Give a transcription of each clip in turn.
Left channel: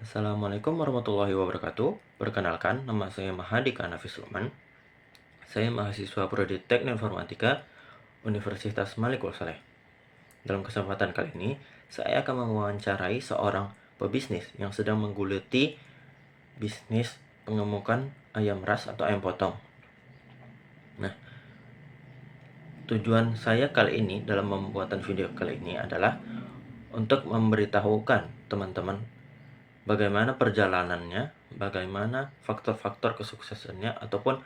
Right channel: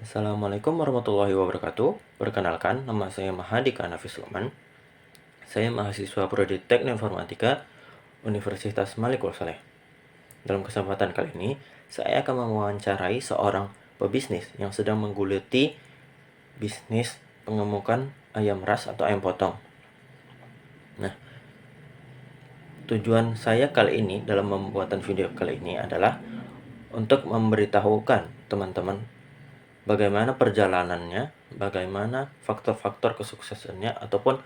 Assalamualaikum warahmatullahi wabarakatuh. Perkenalkan, nama saya Mahadika Nafis Luqman. Saya mahasiswa Prodi Teknik Informatika Universitas Malik Saleh. Dalam kesempatan kali ini, saya akan mewawancarai seorang pebisnis yang sedang menggeluti bisnis pengemukan ayam ras atau ayam potong. Nah, tujuan saya kali ini dalam pembuatan video kali ini adalah untuk memberitahukan teman-teman bagaimana perjalanannya, bagaimana faktor-faktor kesuksesannya, ataupun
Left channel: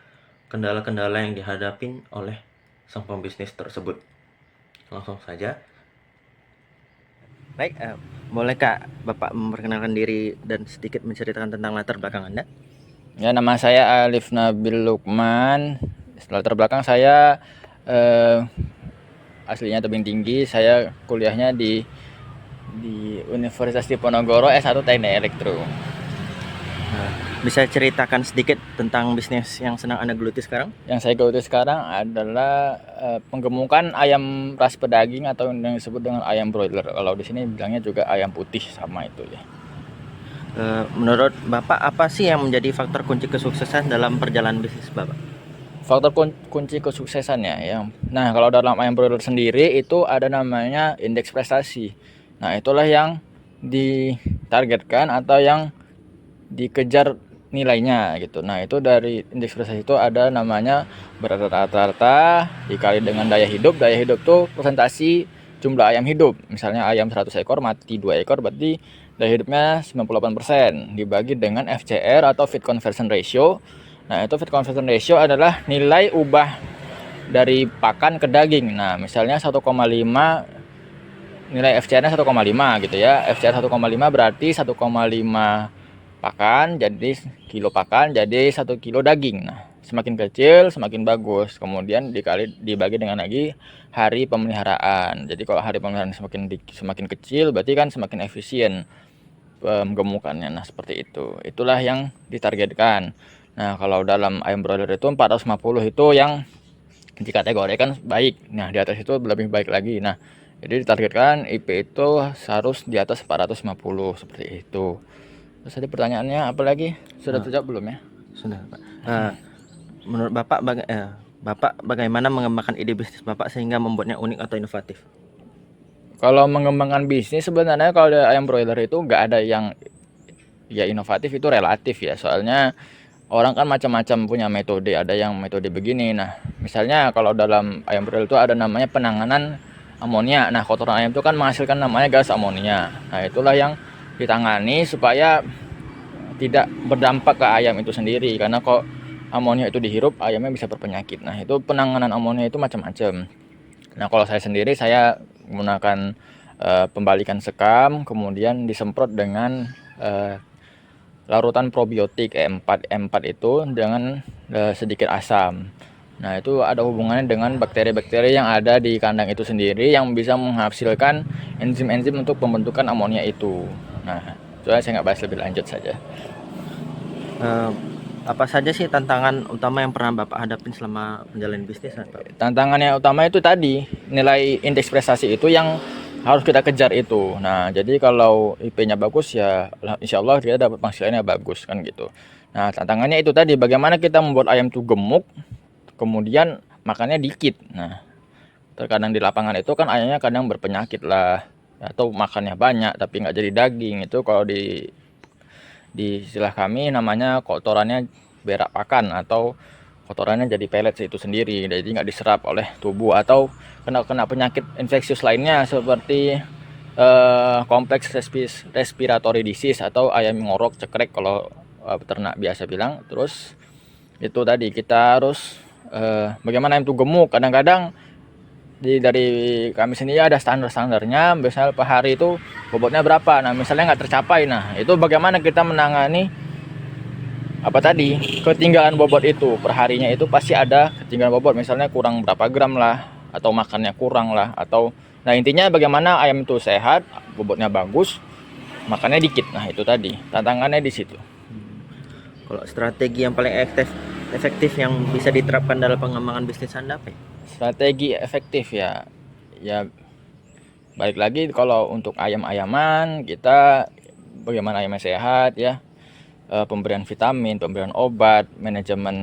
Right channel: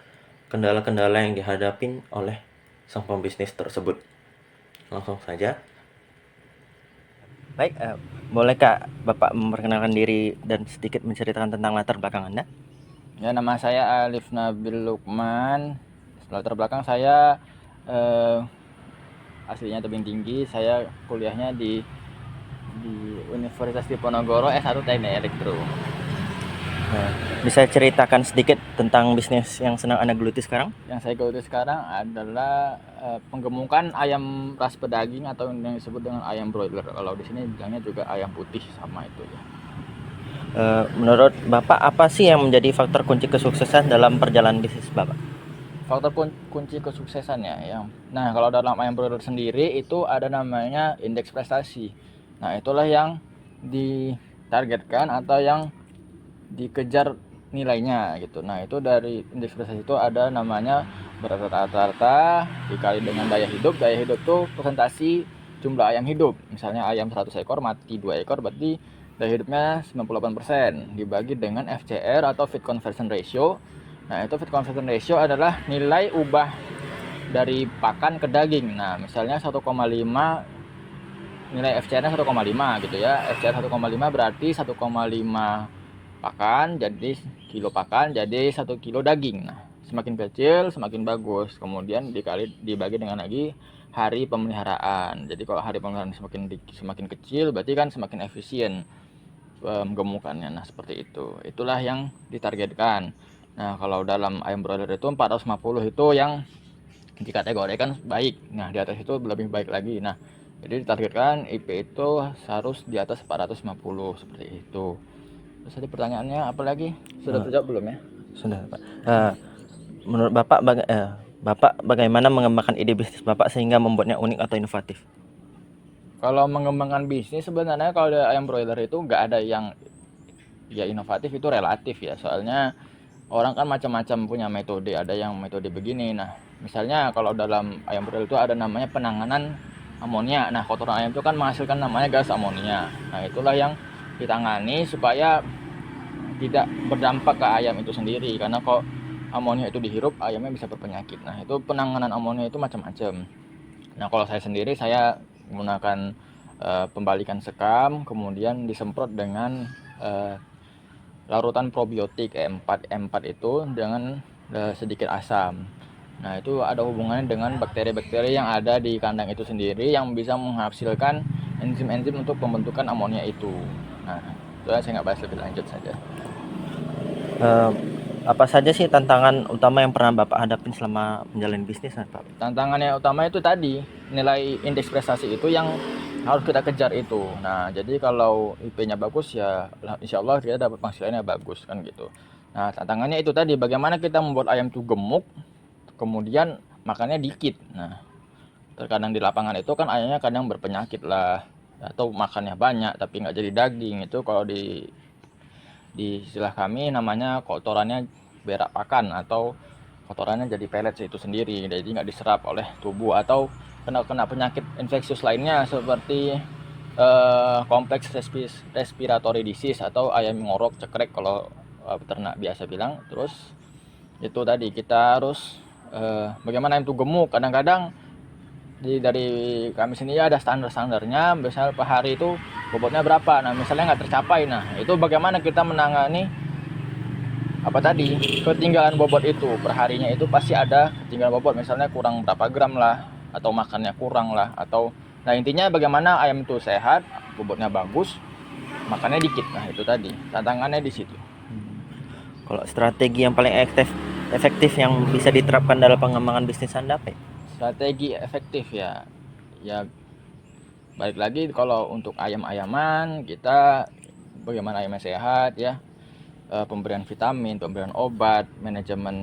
kendala-kendala yang dihadapi oleh sang pembisnis tersebut. Langsung saja. Baik, boleh Kak Bapak memperkenalkan diri dan sedikit menceritakan tentang latar belakang Anda? Ya, nama saya Alif Nabil Lukman. Latar belakang saya aslinya tebing tinggi. Saya kuliahnya di Universitas Diponegoro S1 Teknik Elektro. Bisa ceritakan sedikit tentang bisnis yang sedang Anda geluti sekarang? Yang saya geluti sekarang adalah penggemukan ayam ras pedaging atau yang disebut dengan ayam broiler. Kalau di sini bilangnya juga ayam putih, sama itu ya. Menurut Bapak, apa sih yang menjadi faktor kunci kesuksesan dalam perjalanan bisnis Bapak? Faktor kunci kesuksesannya ya. Nah, kalau dalam ayam broiler sendiri itu ada namanya indeks prestasi. Nah, itulah yang ditargetkan atau yang dikejar nilainya gitu. Nah, itu dari indeks prestasi itu ada namanya berat rata-rata dikali dengan daya hidup. Daya hidup tuh presentasi jumlah ayam hidup. Misalnya ayam 100 ekor mati 2 ekor, berarti daya hidupnya 98%, dibagi dengan FCR atau feed conversion ratio. Nah, itu feed conversion ratio adalah nilai ubah dari pakan ke daging. Nah, misalnya 1,5, nilai FCR-nya 1,5 gitu ya. FCR 1,5 berarti 1,5 pakan jadi kilo pakan jadi 1 kilo daging. Nah, semakin kecil semakin bagus. Kemudian dibagi dengan lagi hari pemeliharaan. Jadi kalau hari pemeliharaan semakin kecil berarti kan semakin efisien penggemukannya. Nah, seperti itu. Itulah yang ditargetkan. Nah, kalau dalam ayam broiler itu 450 itu yang dikategorikan baik. Nah, di atas itu lebih baik lagi. Nah, jadi ditargetkan IP itu harus di atas 450 seperti itu. Terus tadi pertanyaannya apa lagi? Sudah terjawab belum ya? Sudah, Pak. Menurut Bapak bagaimana mengembangkan ide bisnis Bapak sehingga membuatnya unik atau inovatif? Kalau mengembangkan bisnis sebenarnya kalau ada ayam broiler itu nggak ada yang ya inovatif, itu relatif ya. Soalnya orang kan macam-macam punya metode, ada yang metode begini. Nah, misalnya kalau dalam ayam broiler itu ada namanya penanganan amonia. Nah, kotoran ayam itu kan menghasilkan namanya gas amonia. Nah, itulah yang ditangani supaya tidak berdampak ke ayam itu sendiri, karena kok amonia itu dihirup ayamnya bisa berpenyakit. Nah, itu penanganan amonia itu macam-macam. Nah, kalau saya sendiri saya menggunakan pembalikan sekam, kemudian disemprot dengan larutan probiotik E4 itu dengan sedikit asam. Nah, itu ada hubungannya dengan bakteri-bakteri yang ada di kandang itu sendiri yang bisa menghasilkan enzim-enzim untuk pembentukan amonia itu. Nah, itu saya nggak bahas lebih lanjut saja. Apa saja sih tantangan utama yang pernah Bapak hadapin selama menjalani bisnis, Pak? Tantangannya utama itu tadi, nilai indeks prestasi itu yang harus kita kejar itu. Nah, jadi kalau IP-nya bagus ya insya Allah kita dapat penghasilannya bagus kan gitu. Nah, tantangannya itu tadi, bagaimana kita membuat ayam itu gemuk, kemudian makannya dikit. Nah, terkadang di lapangan itu kan ayamnya kadang berpenyakit lah, atau makannya banyak tapi nggak jadi daging. Itu kalau di istilah kami namanya kotorannya berak pakan, atau kotorannya jadi pelet itu sendiri, jadi nggak diserap oleh tubuh, atau kena penyakit infeksius lainnya seperti kompleks respiratory disease atau ayam ngorok cekrek kalau peternak biasa bilang. Terus itu tadi kita harus bagaimana ayam itu gemuk. Kadang-kadang dari kami sendiri ada standarnya, misalnya per hari itu bobotnya berapa. Nah, misalnya nggak tercapai, nah itu bagaimana kita menangani apa tadi, ketinggalan bobot itu. Perharinya itu pasti ada ketinggalan bobot, misalnya kurang berapa gram lah, atau makannya kurang lah, atau nah intinya bagaimana ayam itu sehat, bobotnya bagus, makannya dikit. Nah, itu tadi tantangannya di situ. Kalau strategi yang paling efektif yang bisa diterapkan dalam pengembangan bisnis Anda apa ya? Strategi efektif ya balik lagi, kalau untuk ayam-ayaman kita bagaimana ayamnya sehat ya, pemberian vitamin, pemberian obat, manajemen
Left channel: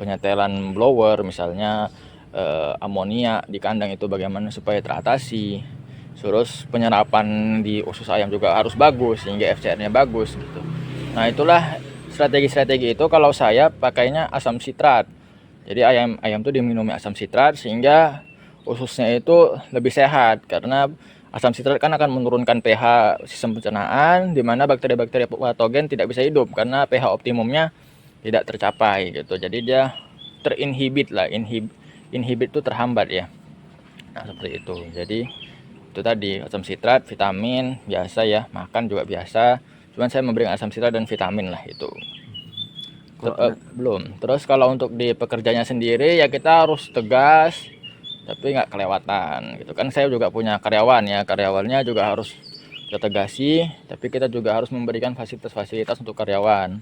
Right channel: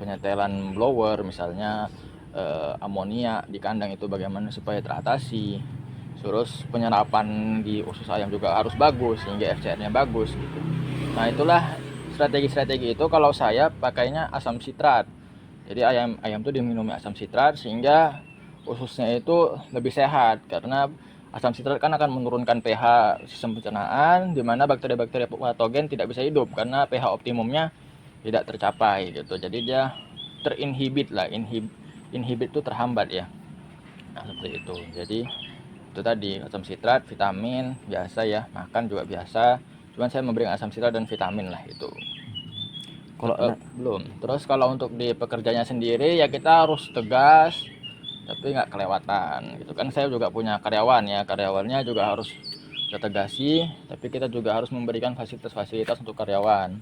penyetelan blower misalnya, amonia di kandang itu bagaimana supaya teratasi. Terus penyerapan di usus ayam juga harus bagus sehingga FCR-nya bagus gitu. Nah, itulah strategi-strategi itu kalau saya pakainya asam sitrat. Jadi ayam tuh diminumi asam sitrat sehingga ususnya itu lebih sehat, karena asam sitrat kan akan menurunkan pH sistem pencernaan di mana bakteri-bakteri patogen tidak bisa hidup karena pH optimumnya tidak tercapai gitu. Jadi dia terinhibit lah, inhibit itu terhambat ya. Nah, seperti itu. Jadi itu tadi asam sitrat, vitamin biasa ya, makan juga biasa. Cuman saya memberikan asam sitrat dan vitamin lah itu. Kalau Belum. Terus kalau untuk di pekerjanya sendiri ya kita harus tegas tapi nggak kelewatan gitu kan. Saya juga punya karyawan ya, karyawannya juga harus kita tegasi, tapi kita juga harus memberikan fasilitas-fasilitas untuk karyawan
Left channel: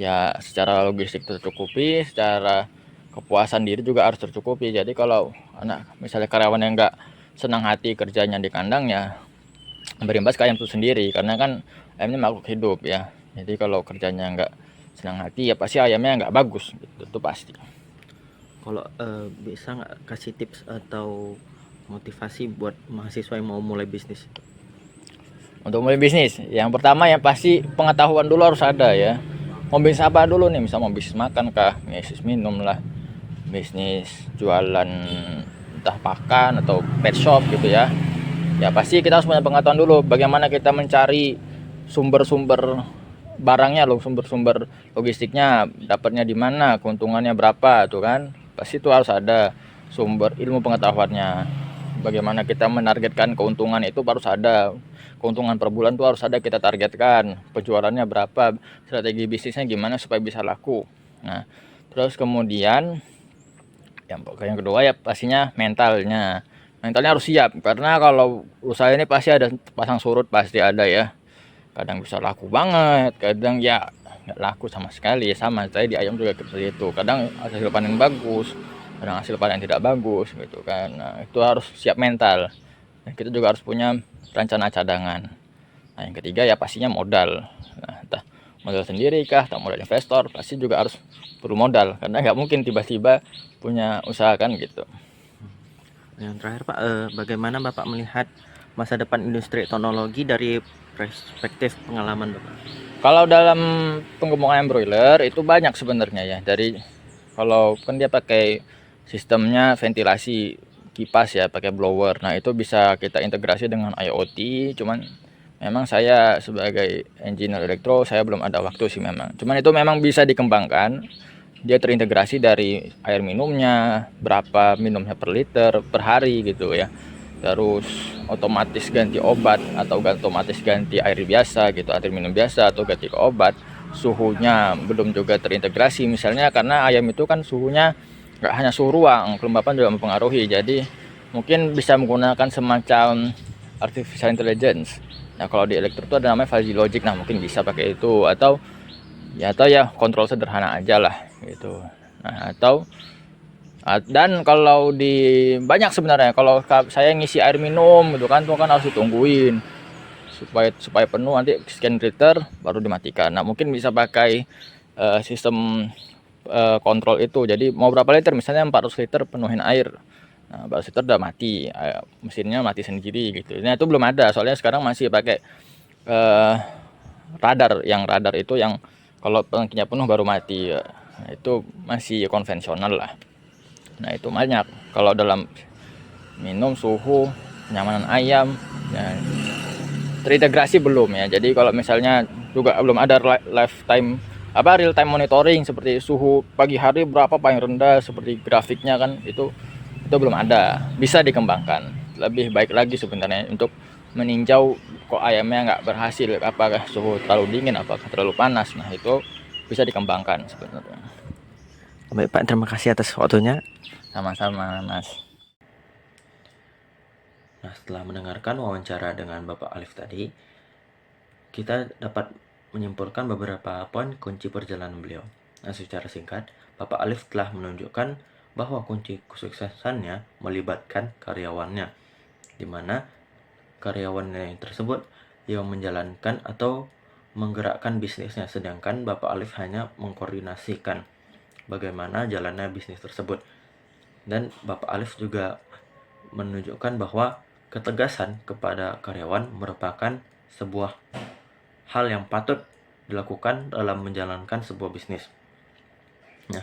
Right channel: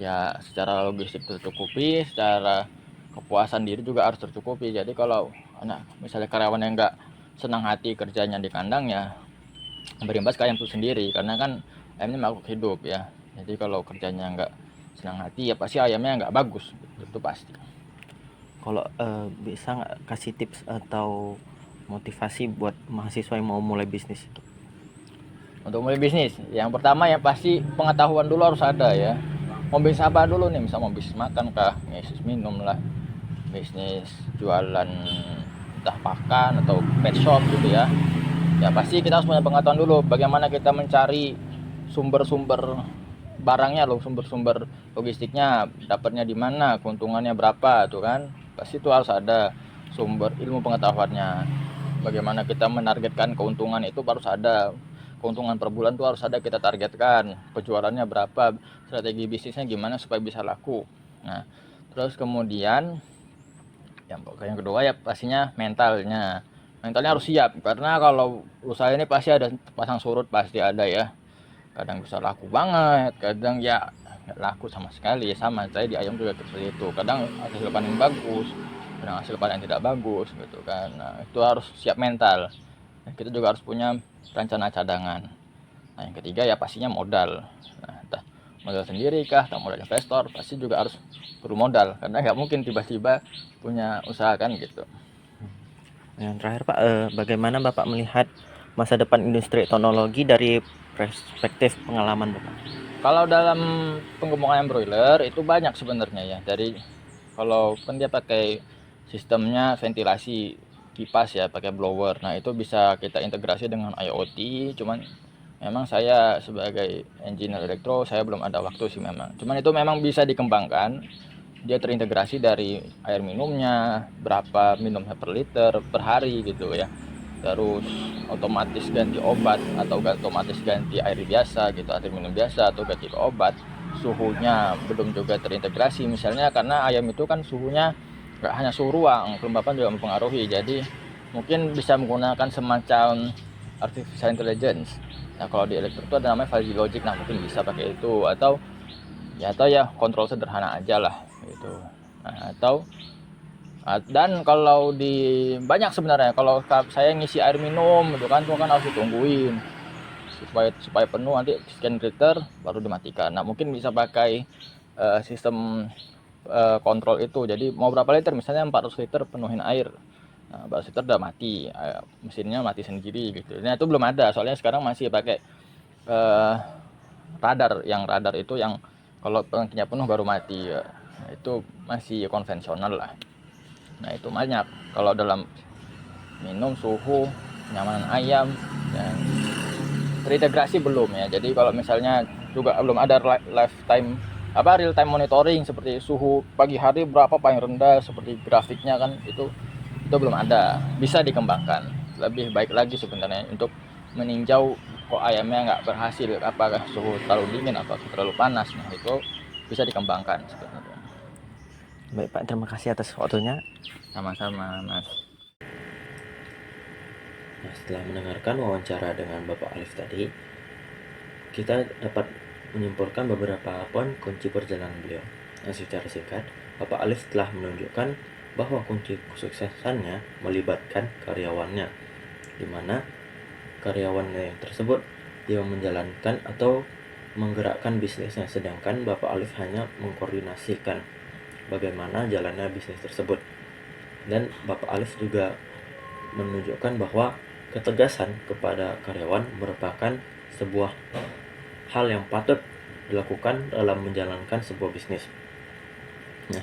ya, secara logistik tercukupi, secara kepuasan diri juga harus tercukupi. Jadi kalau anak misalnya karyawan yang nggak senang hati kerjanya di kandang ya berimbas ke ayam itu sendiri, karena kan ayamnya makhluk hidup ya. Jadi kalau kerjanya nggak senang hati ya pasti ayamnya nggak bagus gitu, itu pasti. kalau bisa nggak kasih tips atau motivasi buat mahasiswa yang mau mulai bisnis itu? Untuk mulai bisnis yang pertama yang pasti pengetahuan dulu harus ada ya, mau bisnis apa dulu nih, misal mau bisnis makan kah, bisnis minum lah, bisnis jualan entah pakan atau pet shop gitu ya. Ya pasti kita harus punya pengetahuan dulu bagaimana kita mencari sumber-sumber barangnya loh, sumber-sumber logistiknya dapatnya di mana, keuntungannya berapa tuh kan. Pasti itu harus ada sumber ilmu pengetahuannya. Bagaimana kita menargetkan keuntungan itu harus ada. Keuntungan per bulan tuh harus ada kita targetkan. Penjualannya berapa, strategi bisnisnya gimana supaya bisa laku. Nah, terus kemudian yang kedua ya pastinya mentalnya. Mentalnya harus siap karena kalau usaha ini pasti ada pasang surut, pasti ada ya. Kadang bisa laku banget, kadang ya nggak laku sama sekali. Sama saya di ayam juga seperti itu, kadang hasil panen bagus, kadang hasil panen tidak bagus gitu kan. Nah, itu harus siap mental, dan kita juga harus punya rencana cadangan. Nah, yang ketiga ya pastinya modal. Nah, entah modal sendiri kah atau modal investor, pasti juga harus perlu modal karena nggak mungkin tiba-tiba punya usaha kan gitu. Yang terakhir Pak, bagaimana Bapak melihat masa depan industri teknologi dari perspektif pengalaman Bapak? Kalau dalam pengembangan broiler itu banyak sebenarnya ya. Dari kalau kan dia pakai sistemnya ventilasi kipas ya, pakai blower. Nah, itu bisa kita integrasi dengan IoT. Cuman memang saya sebagai engineer elektro saya belum ada waktu sih memang. Cuman itu memang bisa dikembangkan. Dia terintegrasi dari air minumnya, berapa minumnya per liter per hari gitu ya. Terus otomatis ganti obat atau otomatis ganti air biasa gitu, air minum biasa atau ganti ke obat. Suhunya belum juga terintegrasi misalnya, karena ayam itu kan suhunya nggak hanya suhu ruang, kelembapan juga mempengaruhi. Jadi mungkin bisa menggunakan semacam artificial intelligence. Nah, kalau di elektro itu ada namanya fuzzy logic, nah mungkin bisa pakai itu, atau ya kontrol sederhana aja lah gitu. Nah, atau dan kalau di banyak sebenarnya, kalau saya ngisi air minum gitu kan, tuh kan harus ditungguin supaya penuh, nanti sekian liter baru dimatikan. Nah, mungkin bisa pakai sistem kontrol itu. Jadi mau berapa liter, misalnya 400 liter penuhin air. Nah, 400 liter udah mati, mesinnya mati sendiri gitu. Nah, itu belum ada, soalnya sekarang masih pakai eh, radar. Yang radar itu yang kalau tangkinya penuh baru mati ya. Nah, itu masih konvensional lah. Nah, itu banyak. Kalau dalam minum, suhu, kenyamanan ayam ya, terintegrasi belum ya. Jadi kalau misalnya juga belum ada lifetime real time monitoring seperti suhu pagi hari berapa paling rendah, seperti grafiknya kan, itu belum ada. Bisa dikembangkan lebih baik lagi sebenarnya untuk meninjau kok ayamnya nggak berhasil, apakah suhu terlalu dingin, apakah terlalu panas. Nah, itu bisa dikembangkan sebenarnya. Baik Pak, terima kasih atas waktunya. Sama-sama Mas. Nah, setelah mendengarkan wawancara dengan Bapak Alif tadi, kita dapat menyimpulkan beberapa poin kunci perjalanan beliau. Nah, secara singkat, Bapak Alif telah menunjukkan bahwa kunci kesuksesannya melibatkan karyawannya, di mana karyawannya yang tersebut yang menjalankan atau menggerakkan bisnisnya, sedangkan Bapak Alif hanya mengkoordinasikan bagaimana jalannya bisnis tersebut. Dan Bapak Alif juga menunjukkan bahwa ketegasan kepada karyawan merupakan sebuah hal yang patut dilakukan dalam menjalankan sebuah bisnis. Nah,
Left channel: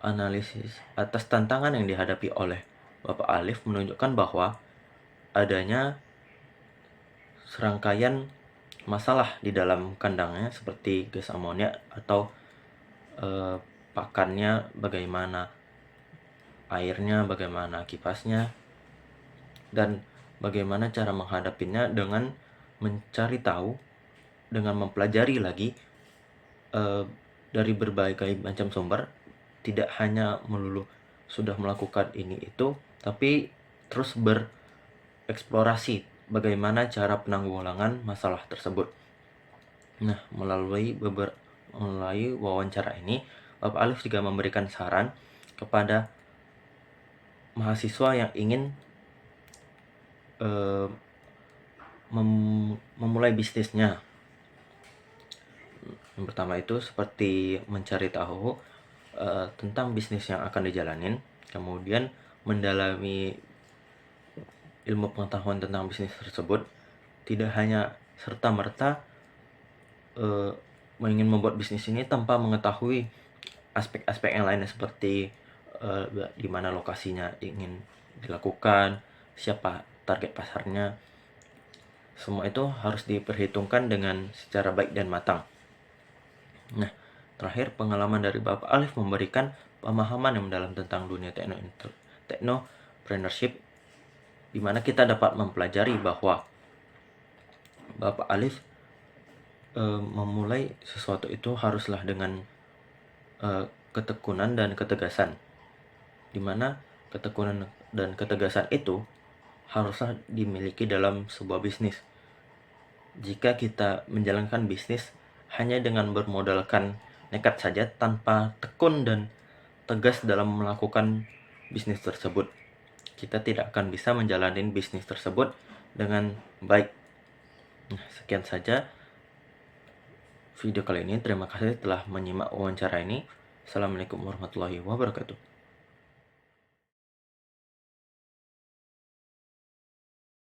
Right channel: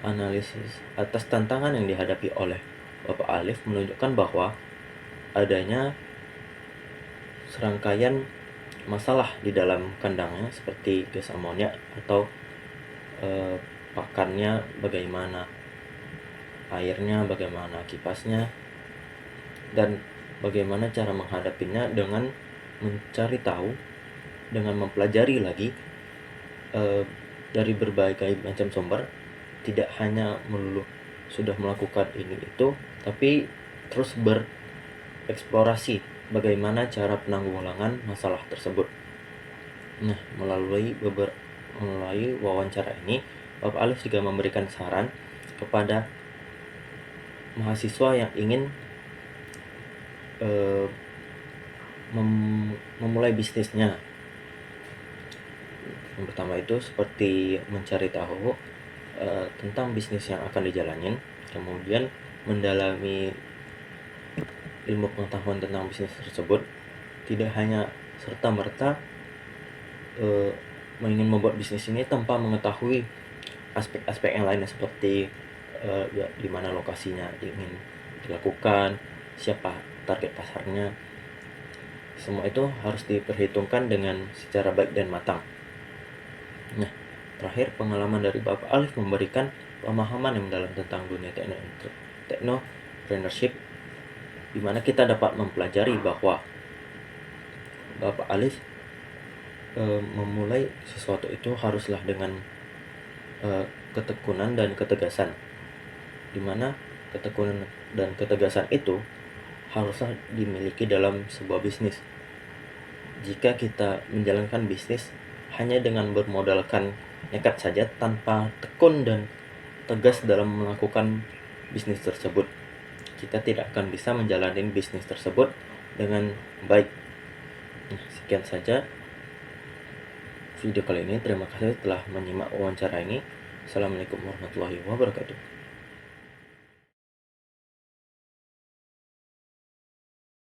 analisis atas tantangan yang dihadapi oleh Bapak Alif menunjukkan bahwa adanya serangkaian masalah di dalam kandangnya seperti gas amonia atau pakannya bagaimana, airnya bagaimana, kipasnya, dan bagaimana cara menghadapinya dengan mencari tahu, dengan mempelajari lagi dari berbagai macam sumber, tidak hanya melulu sudah melakukan ini itu, tapi terus bereksplorasi bagaimana cara penanggulangan masalah tersebut. Nah, melalui wawancara ini, Bapak Alif juga memberikan saran kepada mahasiswa yang ingin memulai bisnisnya. Yang pertama itu seperti mencari tahu tentang bisnis yang akan dijalanin, kemudian mendalami ilmu pengetahuan tentang bisnis tersebut, tidak hanya serta-merta ingin membuat bisnis ini tanpa mengetahui aspek-aspek yang lainnya seperti di mana lokasinya ingin dilakukan, siapa target pasarnya. Semua itu harus diperhitungkan dengan secara baik dan matang. Nah, terakhir pengalaman dari Bapak Alif memberikan pemahaman yang mendalam tentang dunia technopreneurship, di mana kita dapat mempelajari bahwa Bapak Alif memulai sesuatu itu haruslah dengan ketekunan dan ketegasan, di mana ketekunan dan ketegasan itu haruslah dimiliki dalam sebuah bisnis. Jika kita menjalankan bisnis hanya dengan bermodalkan nekat saja tanpa tekun dan tegas dalam melakukan bisnis tersebut, kita tidak akan bisa menjalani bisnis tersebut dengan baik. Nah, sekian saja video kali ini. Terima kasih telah menyimak wawancara ini. Assalamualaikum warahmatullahi wabarakatuh.